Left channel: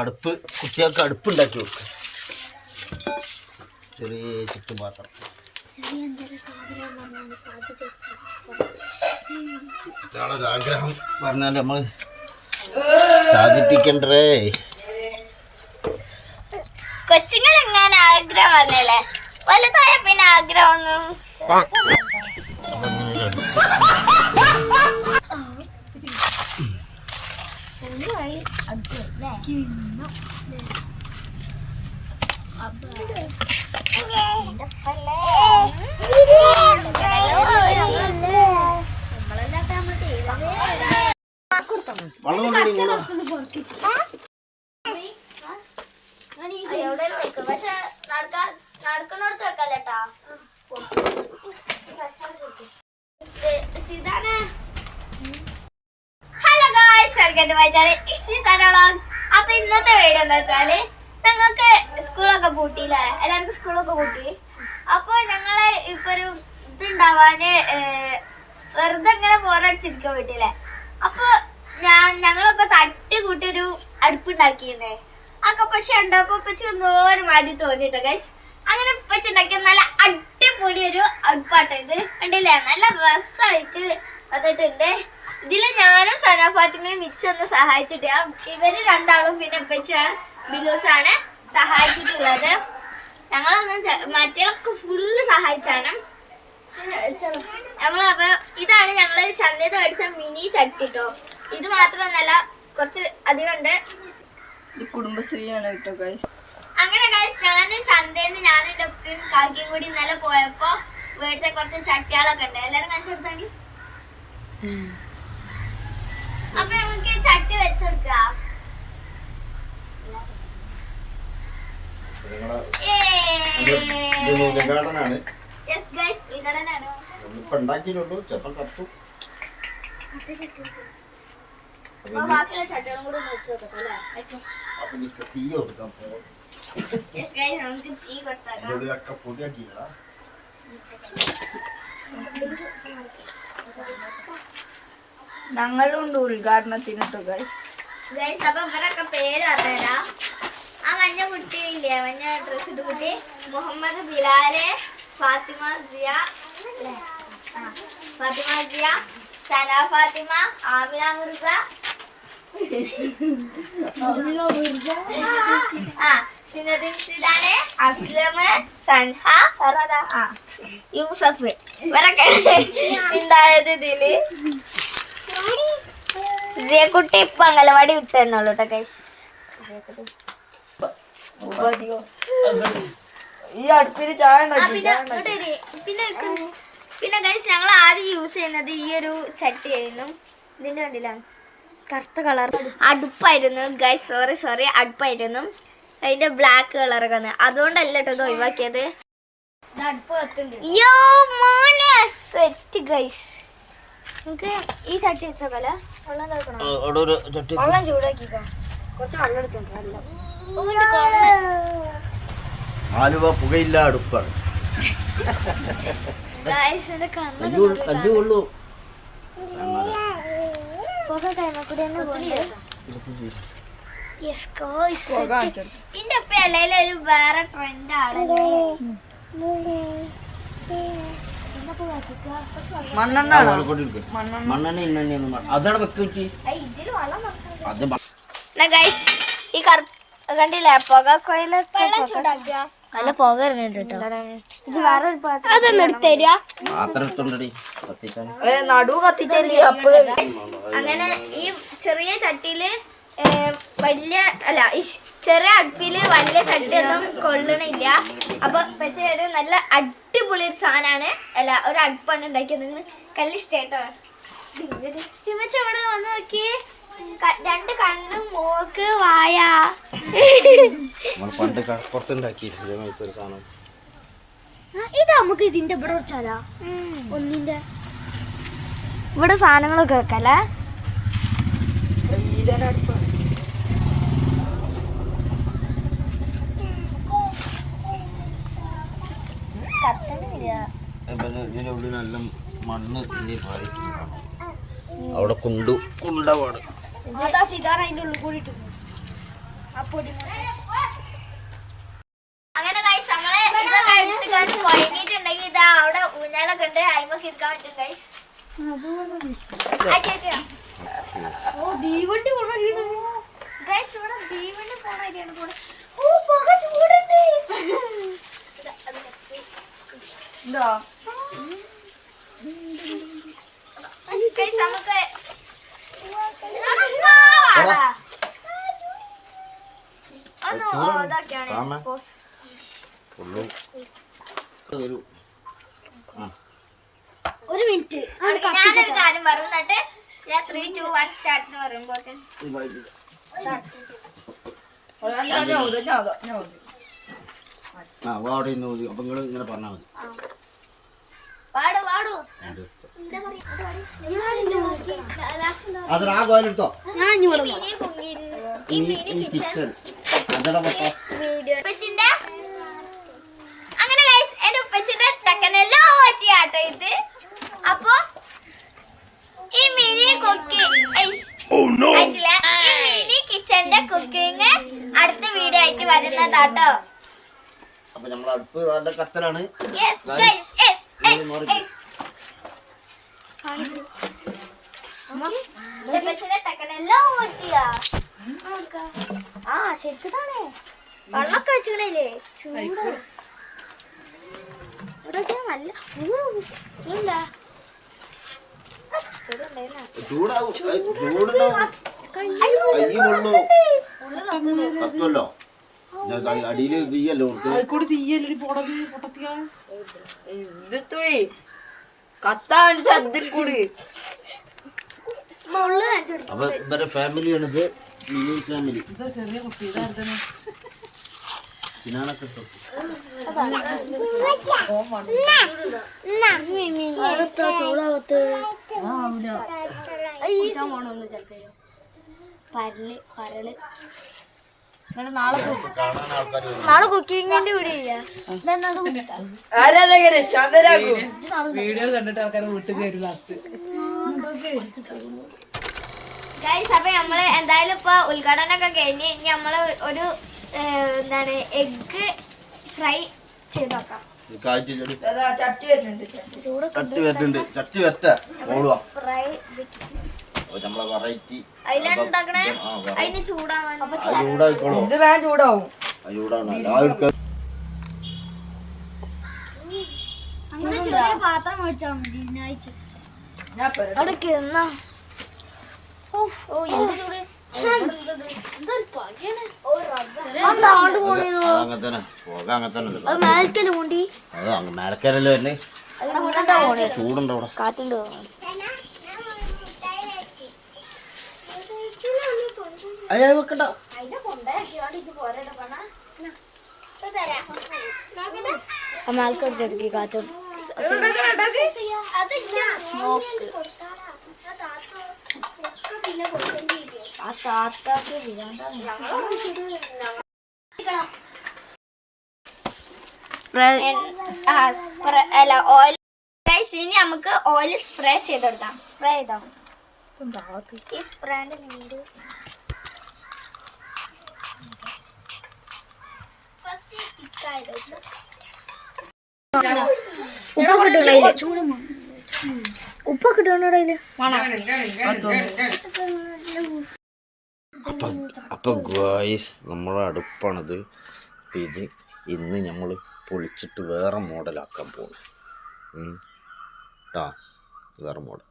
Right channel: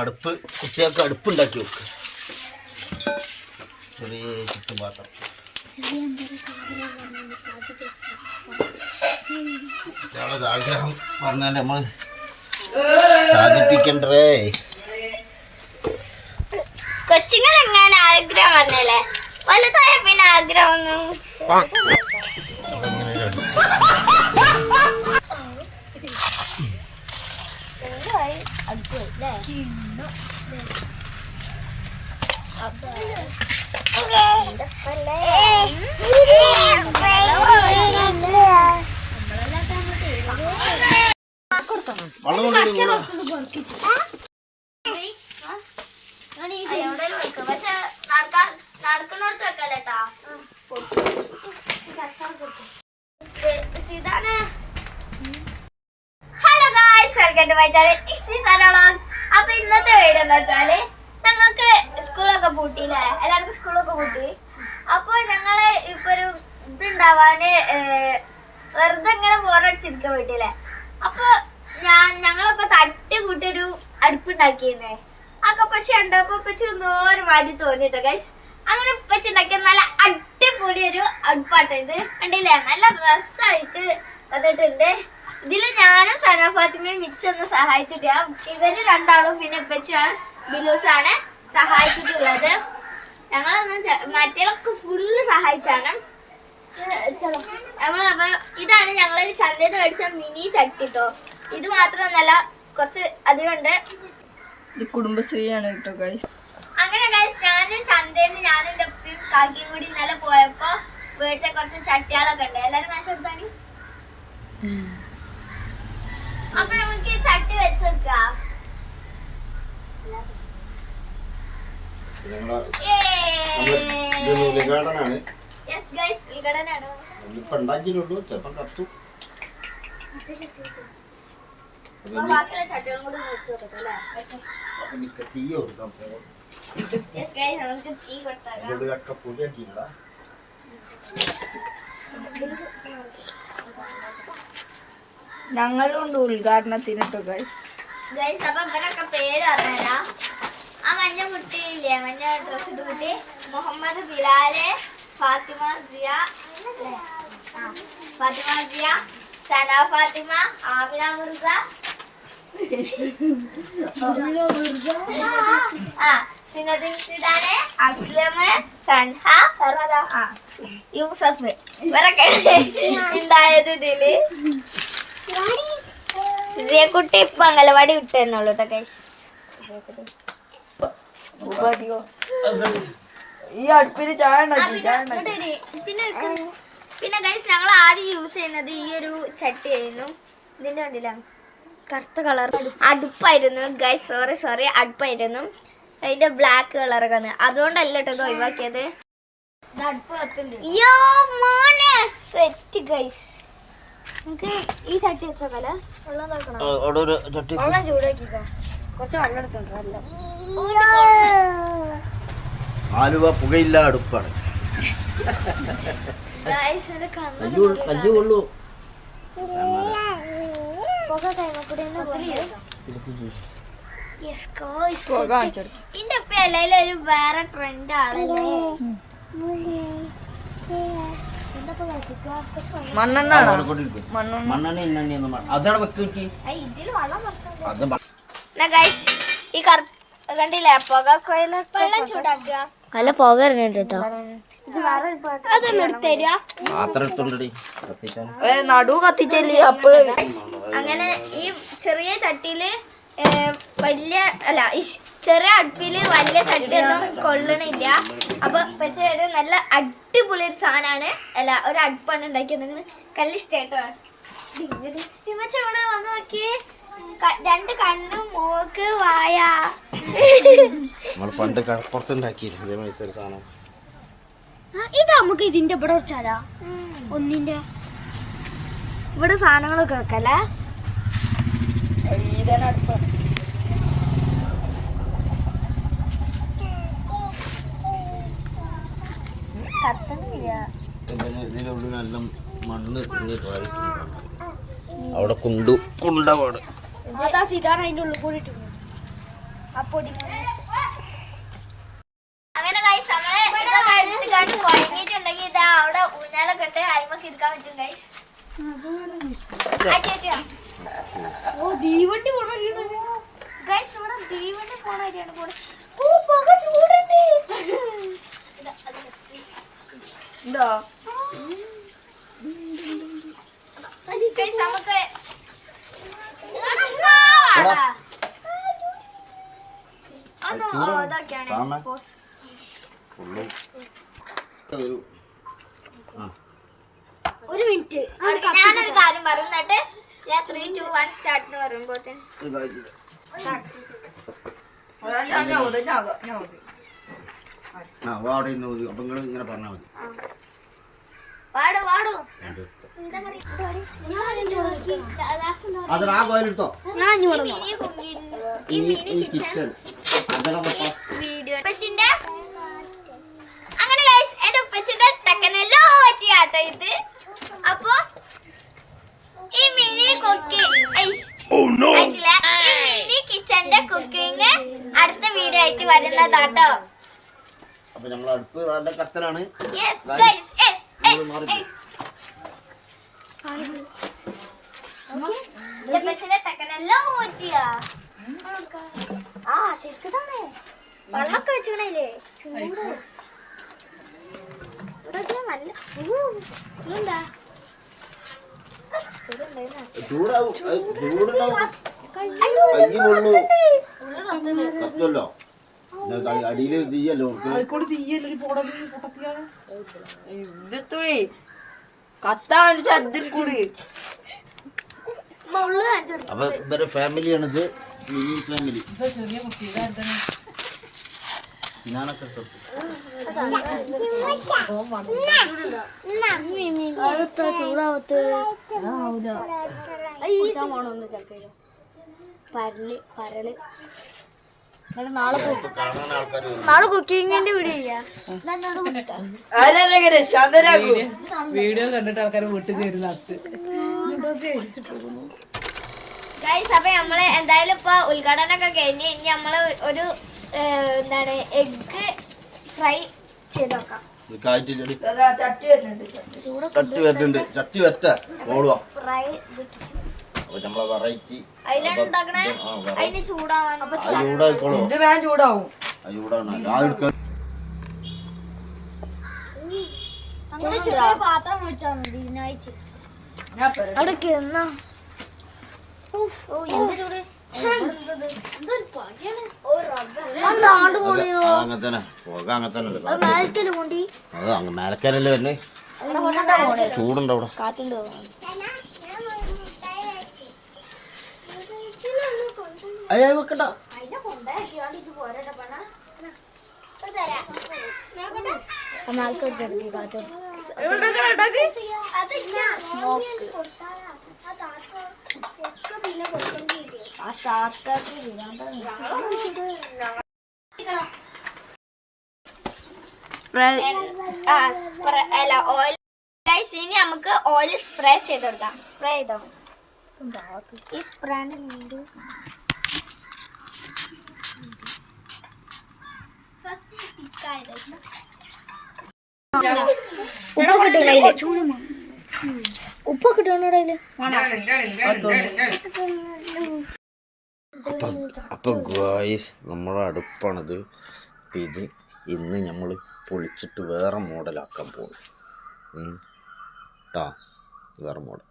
അടുപ്പ് കുട്ടികൾക്ക് അടുപ്പുണ്ടാക്കി കൊടുക്കുക. ചെറിയ ചുറ്റുപാത്രം ആഗ്രഹം പറഞ്ഞാൽ നമ്മൾ സാധിപ്പിക്കണ്ടേ. കൊച്ചുങ്ങൾ എങ്ങനെ ആഗ്രഹം പറഞ്ഞല്ലേ, വലുതായ പിന്നെ ആഗ്രഹമൊന്നും നടക്കണോടത്ത് വെക്കാലട്ടാ. Hello guys, welcome to my channel. It's me Sana vlog. അപ്പൊ ഇന്നത്തെ വീഡിയോ എന്താ വെച്ചാല്, ഞങ്ങൾക്ക് സ്കൂളൊക്കെ പൂട്ടിയില്ലേ, എല്ലാവർക്കും സ്കൂളൊക്കെ പൂട്ടി. അപ്പൊ ഞങ്ങള് ഇപ്പൊ ഒരു ഇതുണ്ടാവാന് വെറുതെ ഇങ്ങനെ ബോറടിച്ചിരിക്കാൻ വീട്ടിലെ. അപ്പൊ ഞങ്ങളൊക്കെ തട്ടി കൂട്ടിയൊരു അടുപ്പുണ്ടാക്കിയിരുന്നേ. അതൊക്കെ പക്ഷെ ഉണ്ടപ്പോ പച്ച എന്തോരം മാറ്റി തോന്നിട്ടോ ഗൈസ്. അങ്ങനെ പച്ച ഉണ്ടാക്കിയ നല്ല അടിപൊളി ഒരു അടുപ്പാട്ടോ ഇത്. കണ്ടില്ലേ, നല്ല രസമായിട്ട് വന്നിട്ടുണ്ട്. ഇതില് ഞാനും സന ഫാത്തിമയും മിച്ചൊന്ന് സഹായിച്ചിട്ട്, ഇവര് രണ്ടാളും പിന്നെ ഇപ്പച്ച ബിലൂസാണ് സഹായിച്ചിട്ടുള്ളത്. ഞങ്ങളൊന്നും മറ്റേതൊക്കെ ഫുള്ള് സഹായിച്ചാണ് നമ്മളപ്പോ. ഇതാണ് ഞങ്ങള് ചന്തയിൽ മേടിച്ച മിനി ചട്ടിട്ടോ. ഇത് മാത്രമൊന്നല്ല, കുറച്ച് അധികം ഉണ്ട്. കുടുംബശ്രീയാണ് കേട്ടോ ഗൈസ്. അങ്ങനെ ഗൈസ്, ഞാനും ചന്തയിൽ നിന്ന് ഞാനും എൻ്റെ ഉപ്പയും കാക്കിയും കൂടി ഇന്നലെ പോയപ്പോ മേടിച്ച കുറച്ച് ചട്ടികളൊക്കെ ഉണ്ട്. എല്ലാരും കാണിച്ചെടുത്താണി. അപ്പൊ നമുക്ക് ചട്ടി വെച്ചെടുക്കാം. ബാക്കിയുള്ള ചട്ടികളും കൂടി വെച്ചോട്ടെ. നമുക്ക് തീ കൊടുത്താൽ ഞങ്ങളുണ്ട് ഉദ്ഘാടനത്തിന് ഗൈസ്. അപ്പൊ ഇവരൊക്കെ പേര് പറഞ്ഞുതരാം. ആ മഞ്ഞ കുട്ടിയില്ലേ, മഞ്ഞ ഡ്രസ് ഇട്ട് കുട്ടി, മുഹമ്മദ് ബിലാല്, ഫാത്തിമ സിയ, സന ഫാത്തിമ, ആമിന മുർഗ, സിനദിൻ സിദാനെ, അസ്ലം, സൻഹ, യൂസഫ്. ഇവരൊക്കെ ഉണ്ടായത് ഇതില്. കുട്ടി ഇപ്പൊ അംഗലവാടി വിട്ടു തന്നെയുള്ളൂ കേട്ടോ ഗൈസ്. ഈ അടുപ്പില് ചായ പിന്നെ ഗൈസ്, ഞങ്ങൾ ആദ്യം യൂസ് ചെയ്യുന്നത് ഈ ഒരു ചട്ടിയായിരുന്നു. ഇതിന്റെ കണ്ടില്ല, കറുത്ത കളർ അടുപ്പായിരുന്നു ഗൈസ്. സോറി അടുപ്പായിരുന്നു. അതിന്റെ ബ്ലാക്ക് കളറൊക്കെ വന്ന്, അതുകൊണ്ടല്ല കേട്ടോ ഒഴിവാക്കിയത്. Set guys. നമുക്ക് ഈ ചട്ടി വെച്ചോക്കല്ല, വെള്ളം ചൂടാക്കിക്കോ. കുറച്ച് വെള്ളം എടുത്തോണ്ട് ആലുവ പുകയില്ല അടുപ്പാണ്. കഞ്ഞുകൊള്ളൂ. ഇതിന്റെ ഒപ്പം അല്ലെങ്കിൽ ഒരു വേറെ ട്രെൻഡ് ആണല്ലേ. മണ്ണെണ്ണ ഇന്നെണ്ണ അതാണ് വെക്കി. ഈ കണ്ടില്ലേ, പുക വെള്ളം ചൂടാക്കുക. നല്ല പുക ഇറങ്ങിട്ടോ. അതൊന്നും എടുത്തരുക. നടു കത്തിച്ചല്ലേ. അങ്ങനെ ഈ ചെറിയ ചട്ടിയില് വലിയ അല്ല, ഈ ചെറിയ അടുപ്പില് വലിയ ചട്ടിയൊന്നും കൊള്ളണില്ല. അപ്പൊ വെച്ചാൽ നല്ല അടിപൊളി ഒരു സാധനമാണ്. അല്ല, ഒരു അടുപ്പാണ് ഉണ്ടാക്കിയത്. നിങ്ങൾ കല്ലിഷ്ടേട്ടോ. ഇവിടെ വന്ന് നോക്കിയേ, രണ്ട് കണ്ണും മൂക്ക് വായ. പണ്ട് പുറത്തുണ്ടാക്കിയിരുന്നു സാധനം. ഇത് നമുക്ക് ഇതിന്റെ ഇവിടെ വെച്ചാലോ, ഒന്നിന്റെ ഇവിടെ സാധനങ്ങളൊക്കെ വെക്കല്ലേ. ഇതാണ് അടുപ്പാണ്. ഇതിൻ്റെ ഉള്ളിൽ നല്ല മണ്ണ് തിന്നി പാടിയിട്ടുണ്ടാവും. അവിടെ കുണ്ടപാട് അങ്ങനെ ഗൈസ് നമ്മളെ ഇതൊക്കെ എടുത്ത് കണ്ട് കുഴങ്ങിയിട്ടുണ്ടെങ്കിൽ ഇതാ അവിടെ ഊഞ്ഞാലൊക്കെ ഉണ്ട്, അയിമൊക്കെ എടുക്കാൻ പറ്റും ഗൈസ്. ഗൈസ് ഇവിടെ തീവണ്ടി പോണ വഴിയാണ് പോണത്. ഓ പുക ചൂടുണ്ട്. എന്താ ഗൈസ് നമുക്ക് ഇതൊക്കെയാണ് ഒരു മിനിറ്റ് ഞാനൊരു കാര്യം പറയുന്നിട്ട് ഞാൻ 3, 2, 1 സ്റ്റാർട്ട് എന്ന് പറയുമ്പോ അവിടെ അപ്പൊ നിങ്ങൾ ഇങ്ങനെ പറഞ്ഞാൽ മതി. പാടു പാടു അതിന് ആ കോയിലെടുത്തോ. അങ്ങനെ ഗൈസ് എന്റെ ഉപ്പച്ചിന്റെ ടക്കനെല്ലോ ആട്ടോ ഇത്. അപ്പൊ ഈ മിനി മിനി കിച്ചന്റെ കുക്കിംഗ് അടുത്ത വീഡിയോ ആയിട്ട് വരുന്നതാട്ടോ. അപ്പൊ നമ്മൾ അടുപ്പ് നല്ല കത്തലാണ്. ആ ശരിക്കതാണേ വെള്ളമൊക്കെ വെച്ചിടയില്ലേ ചൂട് ഇവിടെ നല്ല ചൂടാവും. ചൂടിന് കൈ കൊള്ളു കത്തുമല്ലോ. അടിയിൽ തീയല്ലോ ഇതിർത്തോളി കത്താണ് അതിൽ കൂടി. അപ്പൊ ഇവരെ ഫാമിലിയാണിത്. മിനി ഫാമിലി ഞാനൊക്കെ ചൂടാവത്ത് പരല് പരല് നാളെ കുക്കിങ്ങിന്റെ വീഡിയോ വീഡിയോ കണ്ടിട്ട് ആൾക്കാർ വീട്ടിൽ കയറി ലാസ്റ്റ്. ഗൈസ് അപ്പൊ നമ്മള് എന്തായാലും ഇപ്പൊ ഉദ്ഘാടനമൊക്കെ കഴിഞ്ഞ് ഇനി നമ്മള് ഒരു എന്താണ് എഗ് ഫ്രൈ ചെയ്ത് നോക്കാം. ചട്ടി വരുന്നുണ്ട്. ചട്ടി വറ്റ ഫ്രൈ നമ്മളെ വെറൈറ്റി അതിലുണ്ടാക്കണേ അതിന് ചൂടാവാൻ ചൂടായിക്കോളൂ. ഇത് വേഗം ചൂടാവും. ചൂടാണ് അങ്ങനെ ചെറിയ പാത്രം മേടിച്ചാൽ മതി. ഇതിനാഴ്ച അവിടെ മേലക്കാരല്ലേ വന്നെ ചൂടുണ്ടോ അവിടെ കാറ്റുണ്ട്. അയ്യോ വെക്കണ്ട. ഇനി നമുക്ക് ഓയിൽ സ്പ്രേ ചെയ്ത് കൊടുക്കാം. സ്പ്രേ ചെയ്തോ ഈ സ്പ്രേന്റെ ഉപ്പൊക്കെ ഇടണോടയില്. അപ്പൊ ഗായ്സ് നമ്മളെ അടുപ്പാണിത്. അപ്പം ഇത് ഇന്ന് നമ്മൾ പൊളിച്ചിട്ട് വേറെ മോഡലാക്കാൻ പോകും കേട്ടോ. വേറെ മോഡൽ